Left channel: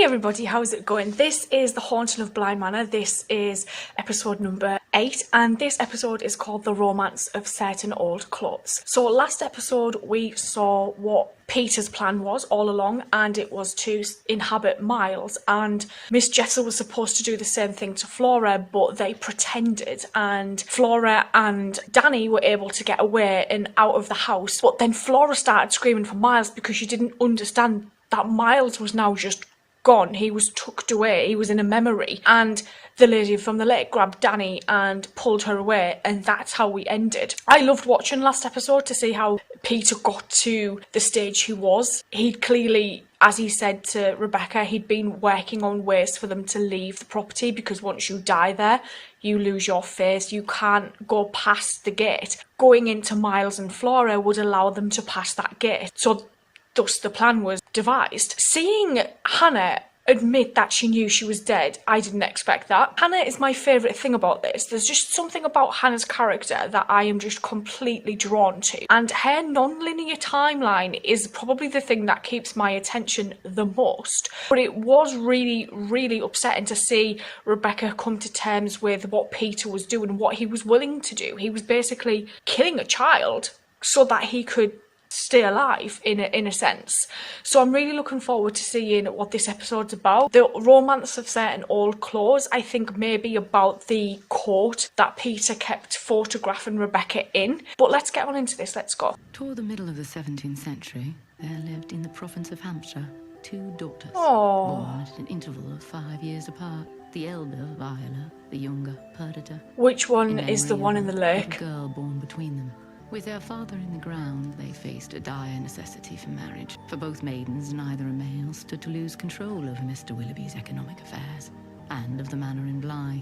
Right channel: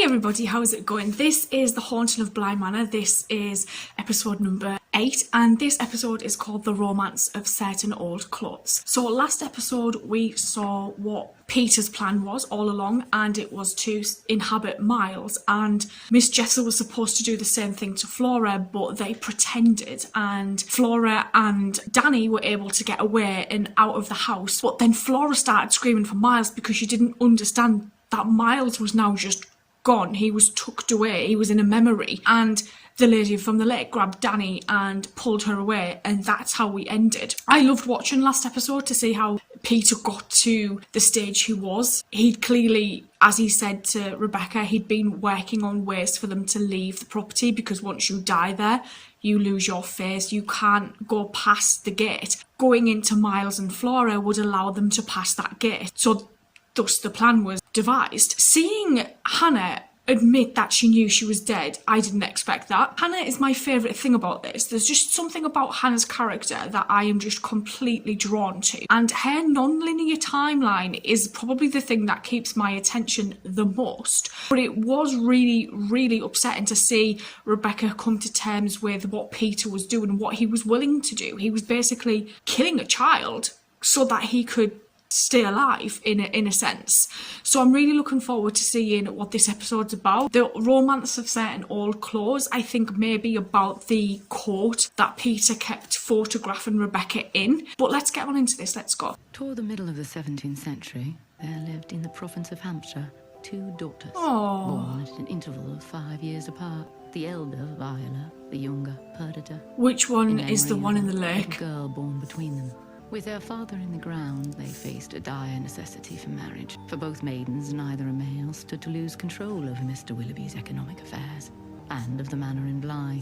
Hi everybody, how's it going? This is the Haunting of Bly Manor. This is episode number 8 and this episode is called The Romance of Certain Old Clothes. So last episode we saw what Peter's plan was all along, and it was to inhabit Miles, and Miss Jessa was supposed to do the same thing to Flora, but they pretended, and Flora and Danny were able to get away and out of the house. But then Flora started screaming for Miles because she didn't understand that Miles was now just gone. He was tucked away. He was in a memory. And the lady from the lake grabbed Danny and pulled her away, and that's how we ended. I loved watching last episode to see how Peter got to the stage he was. He'd clearly, as he said to Rebecca, he'd been working on ways for them to leave the property, because once you die there, you lose your face. You can't go past the gate. Going into Miles and Flora would allow them to pass that gate. So thus the plan was devised. Seeing Hannah admit that she knew she was dead, I didn't expect that. Hannah is my favourite thing about this. There's just something about Hannah's character that I am just completely drawn to. And her non-linear timeline is probably the thing that keeps my attention the most. But it was really, really upsetting to see Rebecca come to terms with what Peter was doing, what he was willing to do. He was basically killing a child so that he could stay alive in a sense. So I'm really looking forward to seeing what this episode's about. The romance of certain old clothes, I think, may be about the court that Peter kept photographing Rebecca in. But let's get on into this. Let's go. Toward the middle of the 17th century, there lived in the province of Hampshire 2 daughters, Aww. born at an interval of 5 years apart. The elder, Viola, the younger, Perdita. Which one is the one in the lake? A girl born between them. With their father in the ground, they faced a dire necessity for marriage. For both maidens, neither a male stood to lose control over Mr. Willoughby's economic affairs, and of the manor in Bly.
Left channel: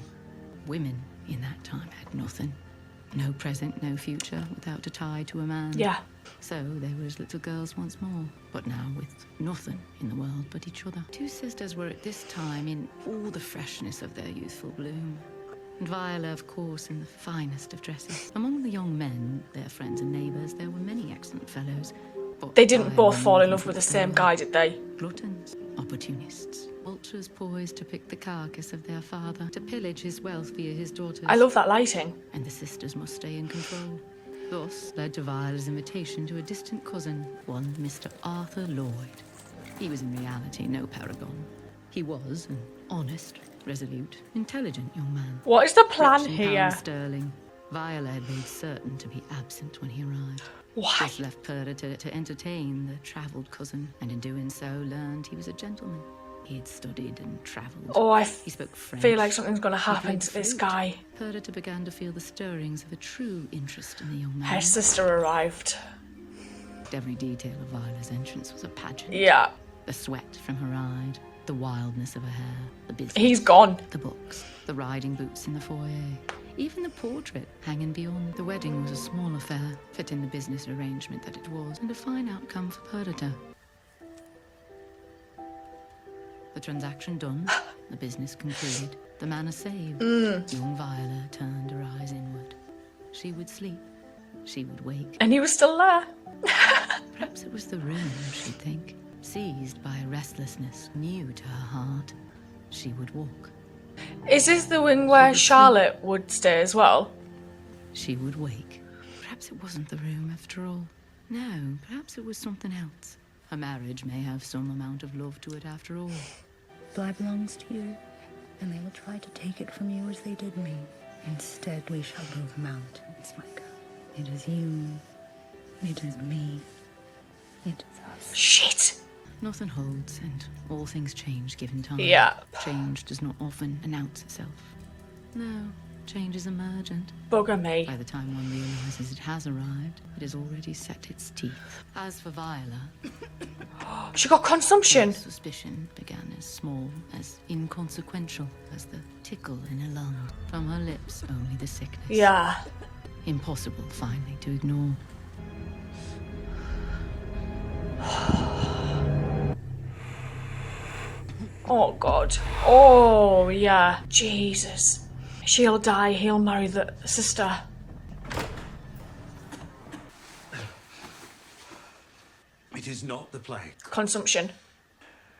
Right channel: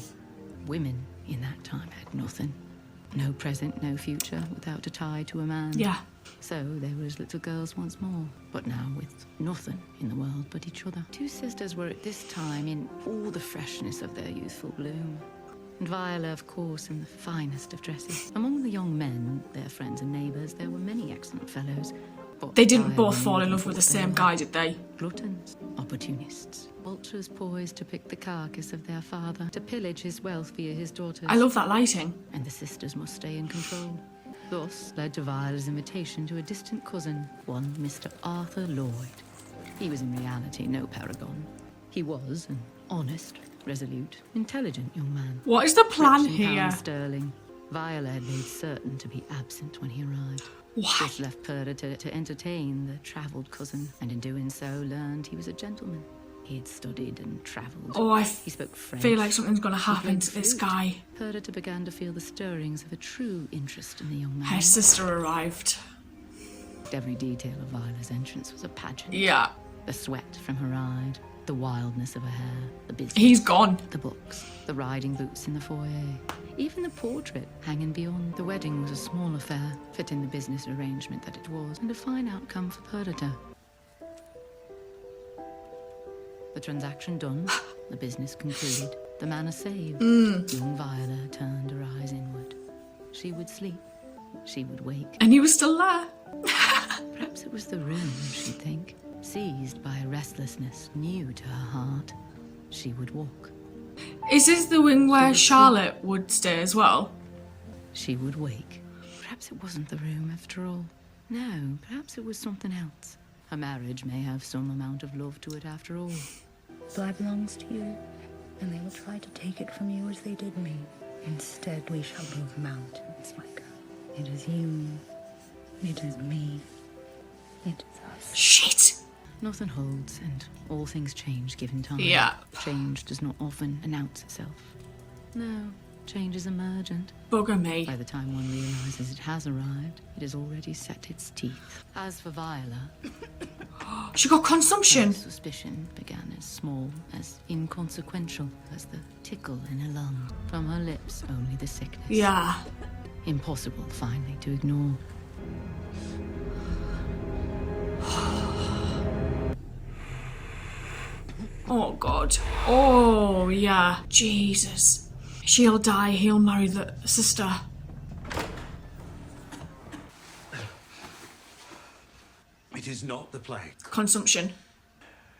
Women in that time had nothing. No present, no future, without a tie to a man. Yeah. So they were as little girls once more, but now with nothing in the world but each other. 2 sisters were at this time in all the freshness of their youthful bloom. And Viola, of course, in the finest of dresses. Among the young men, their friends and neighbours, there were many excellent fellows. But They didn't Viola both fall in knew love with the what they same were. guy, did they? Gluttons, opportunists, vultures poised to pick the carcass of their father, to pillage his wealth via his daughters. I love that lighting. And the sisters must stay in control. Thus led to Viola's invitation to a distant cousin, one Mr. Arthur Lloyd. He was in reality no paragon. He was an honest, resolute, intelligent young man. What is the plan Rich in here? pounds sterling. Viola had made certain to be absent when he arrived. Why? This left Perdita to entertain the travelled cousin, and in doing so learned he was a gentleman. He had studied and travelled. Oh, I He spoke French. feel like something's going to He happen played to the this flute. guy. Perdita began to feel the stirrings of a true interest in the young man. Her sister arrived. Every detail of Viola's entrance was a pageant. Yeah. The sweat from her ride, the wildness of her hair, the business. He's gone. The books, the riding boots in the foyer, even the portrait hanging beyond. The wedding was a small affair, fitting the business arrangement that it was, and a fine outcome for Perdita. The transaction done, the business concluded, the manor saved. Young Viola turned her eyes inward. She would sleep, she would wake. And he was still there. Perhaps it was the room, she'd think. Seized by a restlessness new to her heart, she would walk. Is this the wing where Charlotte would stay as well? She would wake. Perhaps it wasn't the room after all. No, perhaps it was something else. Her marriage may have some amount of love to it after all. Bly belongs to you, and they will try to take it from you as they did me. Instead, we shall move mountains, my girl. It is you. It is me. It is us. Shit. Nothing holds, and all things change given time. Yeah. Change does not often announce itself. No, change is emergent. Bugger me. By the time one realizes it has arrived, it has already set its teeth. As for Viola, She got consumption. her suspicion began as small, as inconsequential as the tickle in her lung. From her lips, only the sickness. Yeah. Impossible, finally, to ignore. Oh, God. Oh, yeah. Jesus. She'll die. He'll marry the sister. It is not the plague. Consumption.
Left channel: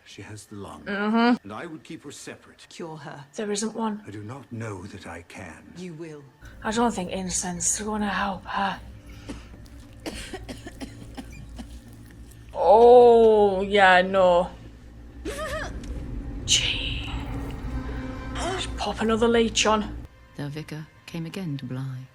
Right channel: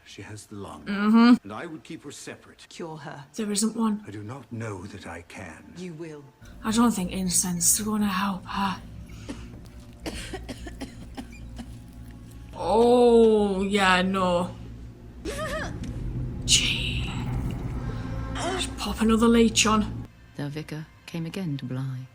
She has the lung. And I would keep her separate. Cure her. There isn't one. I do not know that I can. You will. I don't think incense is going to help her. Oh, yeah, no. Gee. Just pop another leech on. The vicar came again to Bly,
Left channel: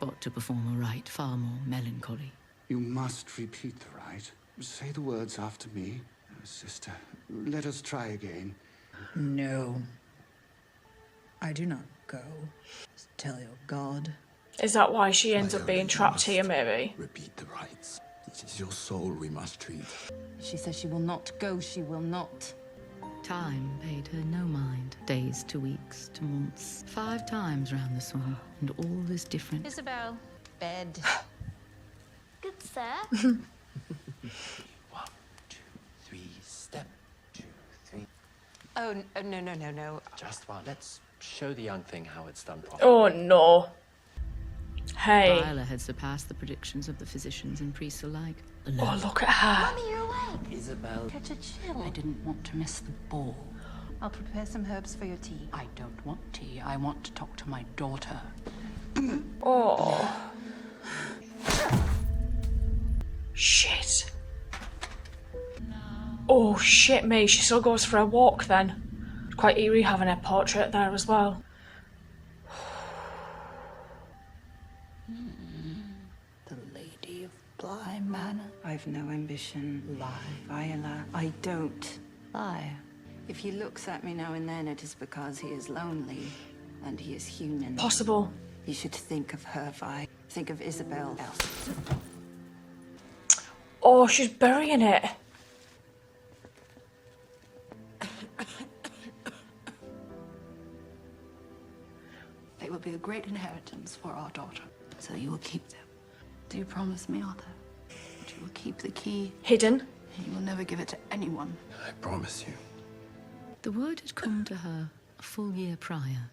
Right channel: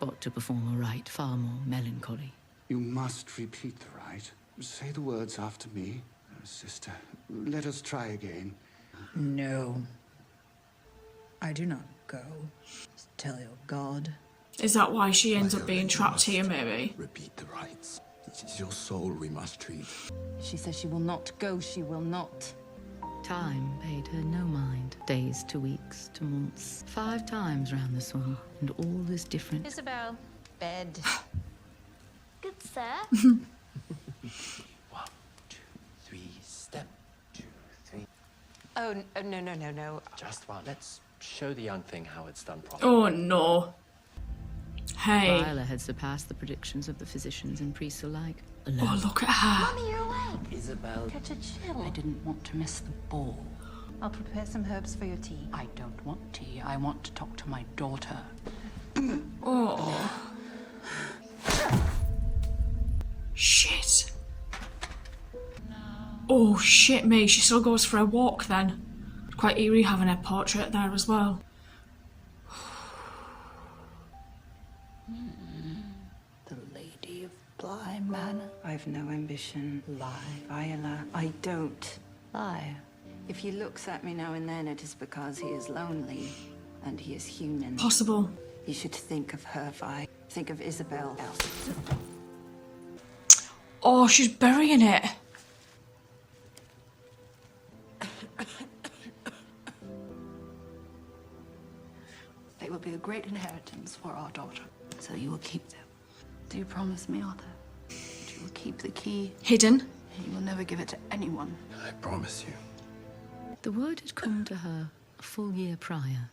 but to perform a rite far more melancholy. You must repeat the rite. Say the words after me. Sister, let us try again. No. I do not go. Tell your God. Is that why she ends up Viola, being you trapped here, must maybe? Repeat the rites. It is your soul we must treat. She says she will not go. She will not. Time paid her no mind. Days to weeks to months. 5 times round the sun, and all is different. Isabel. Bed. Good, sir. 1, 2, 3, step 2, 3. Oh, no. Just one. Let's show the young thing how it's done properly. Oh, no. Hey. Viola had surpassed the predictions of the physicians and priests alike. Alone. Oh, look at her. Mummy, you're awake. Isabel. Catch a chill. I didn't want to miss the ball. I'll prepare some herbs for your tea. I don't want tea. I want to talk to my daughter. Oh. Shit. Oh, shit me. She still goes for a walk then. Quite eerie having her portrait there as well. The Lady of Bly Manor. I've no ambition. Lie. Viola, I don't. Lie. If he looks at me now and then, it is because he is lonely and he is human. Possible. You should think of her, Vi. Think of Isabel. Else. Oh, she's burying it. They will be a great inheritance for our daughter. So you will keep them. Do you promise me, Arthur? That you will keep the key Hidden. and you will never give it to anyone? I promise you. The word had come to her a full year prior.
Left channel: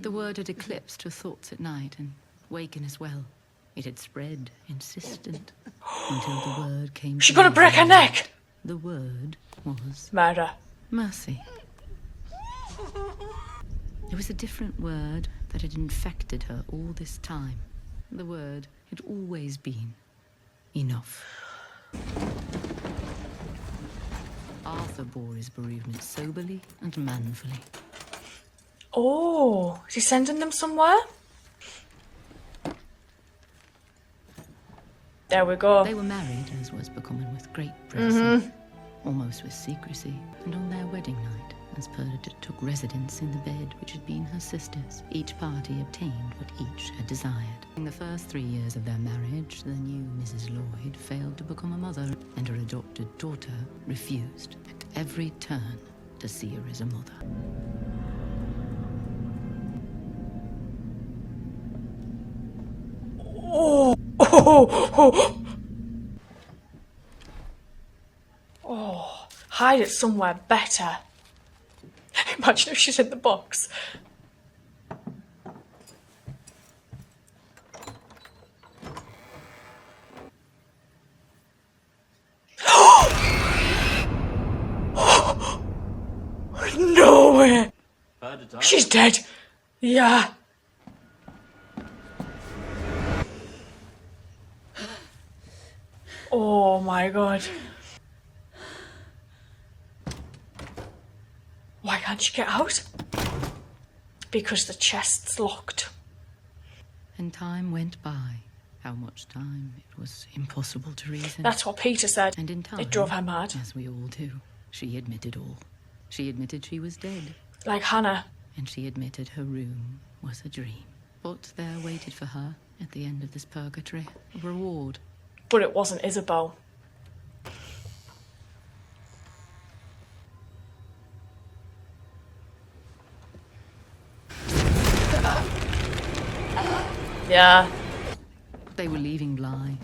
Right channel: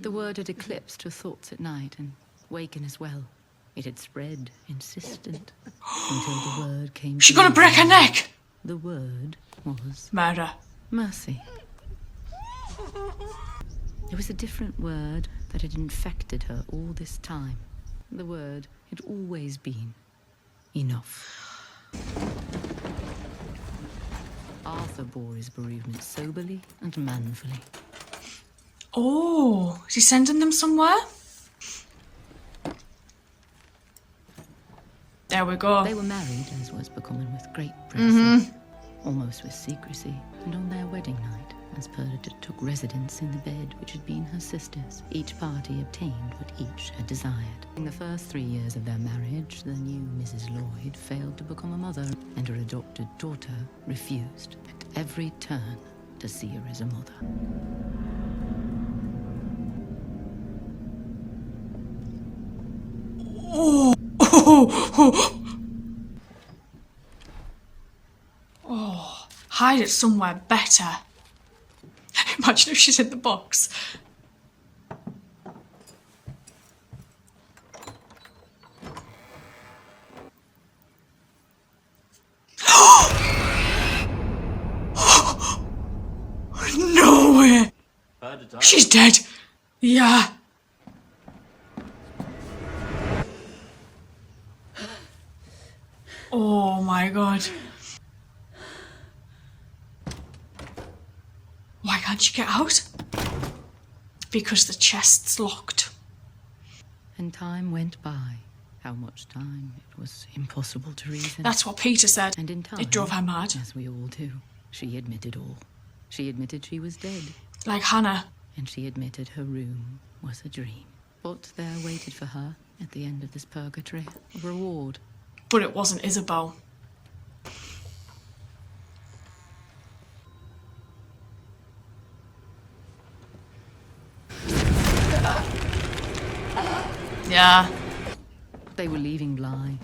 The word had eclipsed her thoughts at night and waken as well. It had spread, insistent, until the word came She's to gonna break her neck. The word was Murder. mercy. It was a different word that had infected her all this time. The word had always been enough. Arthur bore his bereavement soberly and manfully. Oh, is he sending them somewhere? There we go. They were married, as was becoming, with great privacy, almost with secrecy, and on their wedding night, as Perdita took residence in the bed which had been her sister's, each party obtained what each had desired. In the first 3 years of their marriage, the new Mrs. Lloyd failed to become a mother, and her adopted daughter refused at every turn to see her as a mother. Oh, hide it somewhere better. Imagine if she's in the box. No way! She's dead. Yeah. Oh my god. Why can't she get out? Because the chest's locked. And time went by. How much time? It was impossible to reason. That's what Peter said. And in time, It drove her mad. as we all do, she admitted all. She admitted she was dead, Like Hannah. and she admitted her room was a dream. But there waited for her, at the end of this purgatory, a reward. But it wasn't Isabel. Yeah. They were leaving Bly.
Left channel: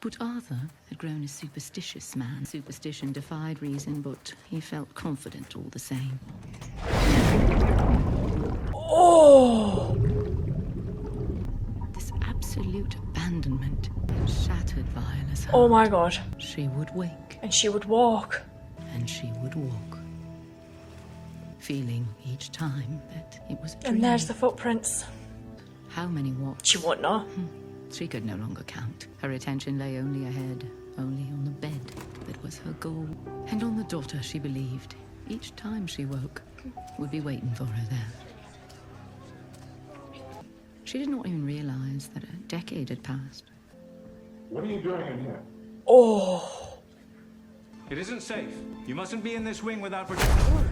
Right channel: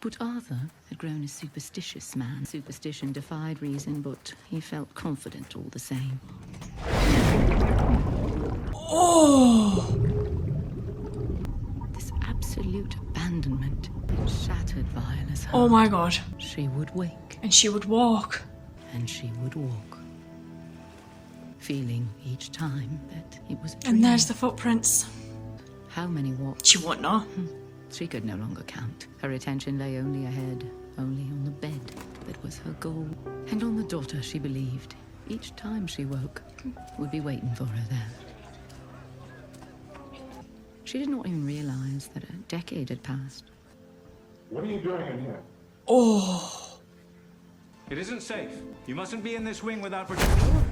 But Arthur had grown a superstitious man. Superstition defied reason, but he felt confident all the same. Oh! This absolute abandonment had shattered Viola's heart. Oh my god. She would wake, And she would walk. and she would walk. feeling each time that it was a dream. And there's the footprints. How many walks? She won't know. She could no longer count. Her attention lay only ahead, only on the bed that was her goal. And on the daughter she believed, each time she woke, would be waiting for her there. She did not even realize that a decade had passed. What are you doing in here? Oh. It isn't safe. You mustn't be in this wing without protection.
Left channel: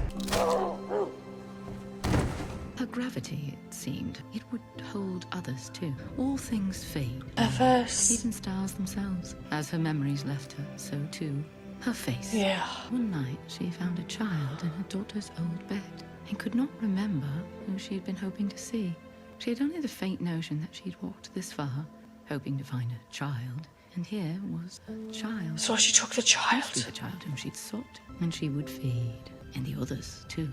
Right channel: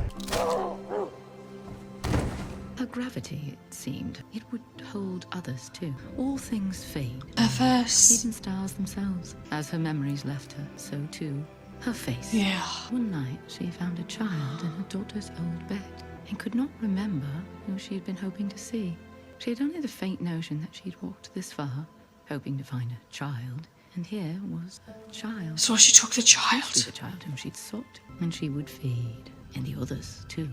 Her gravity, it seemed, it would hold others too. All things fade. Her face. Even stars themselves. As her memories left her, so too her face. Yeah. One night, she found a child in her daughter's old bed and could not remember who she had been hoping to see. She had only the faint notion that she'd walked this far, hoping to find a child, and here was a child. So she took the child. Must be the child whom she'd sought, and she would feed, and the others too.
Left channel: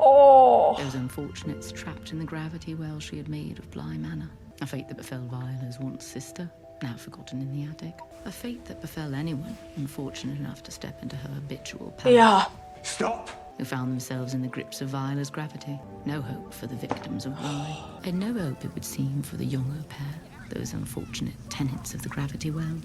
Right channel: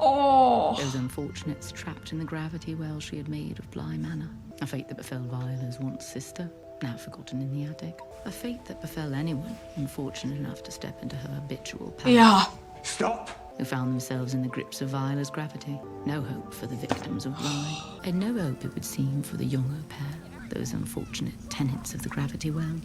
Oh. Those unfortunates trapped in the gravity well she had made of Bly Manor. A fate that befell Viola's once sister, now forgotten in the attic. A fate that befell anyone unfortunate enough to step into her habitual path. Yeah. Stop! Who found themselves in the grips of Viola's gravity. No hope for the victims of Bly, and no hope, it would seem, for the younger pair, those unfortunate tenants of the gravity well.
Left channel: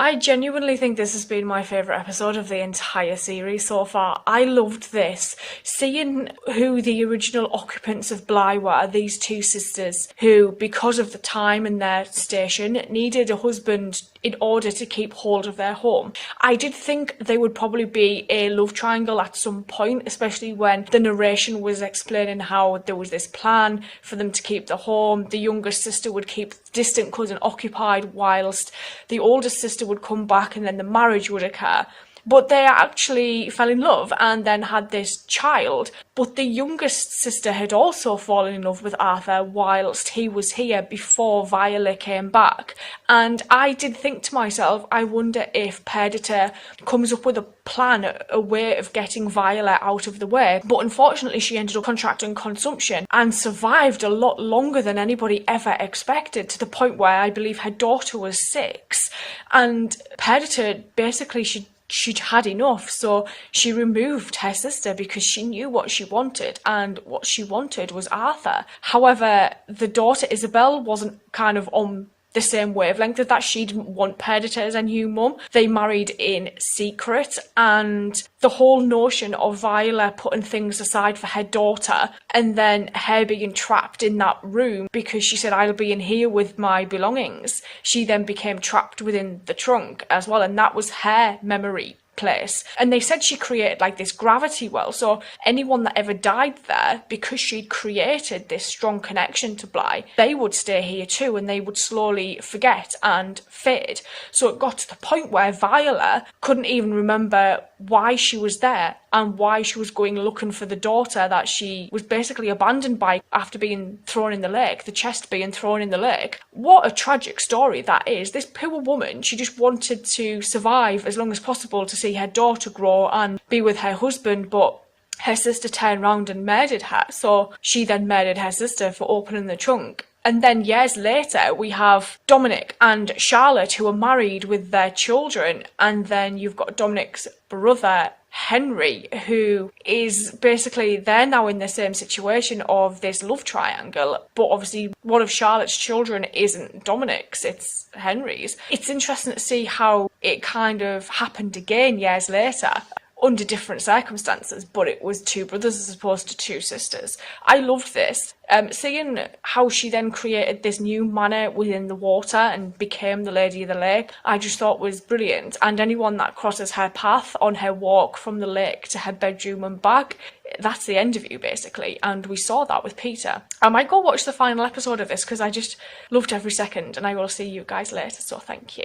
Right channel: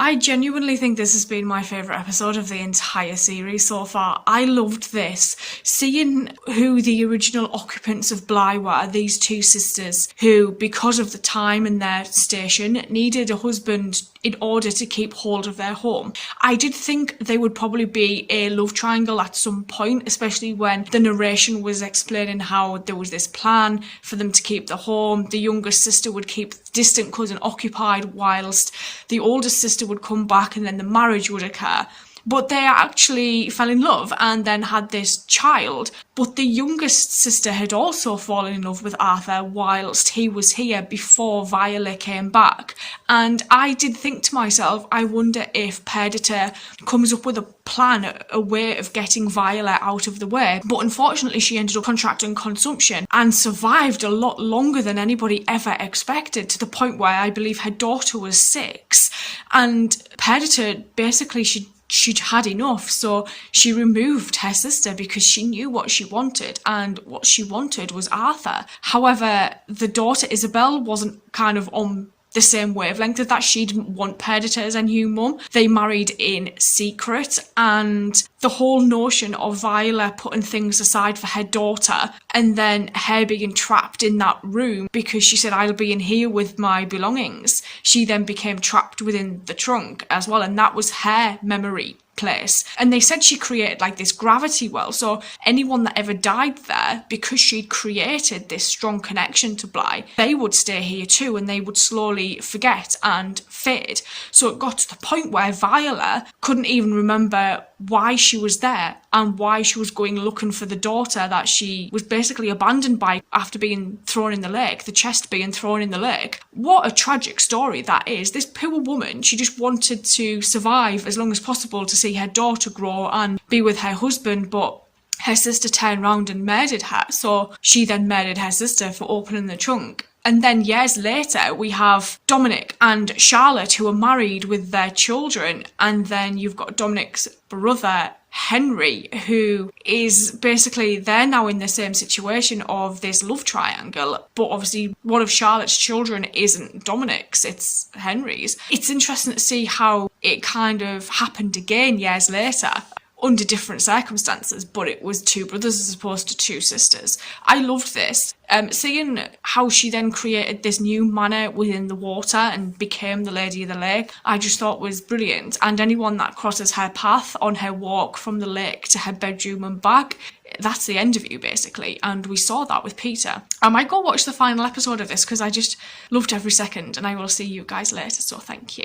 I genuinely think this has been my favourite episode of the entire series so far. I loved this. Seeing who the original occupants of Bly were, these two sisters who, because of the time and their station, needed a husband in order to keep hold of their home. I did think there would probably be a love triangle at some point, especially when the narration was explaining how there was this plan for them to keep the home. The younger sister would keep the distant cousin occupied whilst the older sister would come back, and then the marriage would occur. But they actually fell in love and then had this child. But the youngest sister had also fallen in love with Arthur whilst he was here before Viola came back. And I did think to myself, I wonder if Perdita comes up with a plan, a way of getting Viola out of the way. But unfortunately, she ended up contracting consumption and survived a lot longer than anybody ever expected, to the point where I believe her daughter was 6. And Perdita basically, she'd had enough, so she removed her sister because she knew what she wanted, and what she wanted was Arthur. However, the daughter Isabel wasn't kind of on the same wavelength of that. She didn't want Perdita as a new mum. They married in secret, and the whole notion of Viola putting things aside for her daughter and then her being trapped in that room because she said, I'll be in here with my belongings. She then became trapped within the trunk as well, and that was her memory place. And they said she created like this gravity well, so anyone that ever died there, because she'd created this strong connection to Bly, they would stay here too, and they would slowly forget and fade. So it got to the point where Viola couldn't even remember why she was there and why she was going looking for the daughter that she was basically abandoned by after being thrown in the lake, the chest being thrown in the lake. What a tragic story that is. This poor woman, she just wanted to survive as long as possible to see her daughter grow and be with her husband, but her sister turned round and murdered her, so she then murdered her sister for opening the trunk. And then years later, we have Dominic and Charlotte, who are married with their children. And then you've got Dominic's brother, Henry, who is basically, they're now in the same situation of this love triangle. But obviously, one of Charlotte's children isn't Dominic's, it's Henry's. It's interesting to see how it kind of happened again years later, under different circumstances, but it was 2 brothers as opposed to 2 sisters. I loved this. Seeing how she then created this new manor within the water and became the Lady of the Lake, I just thought was brilliant. And anyone that crosses her path on her walk from the lake to her bedroom and back, that's the end of you basically. And we saw that with Peter. I might go watch the final episode of this because I just loved every second, and I will see you guys later, so thank you.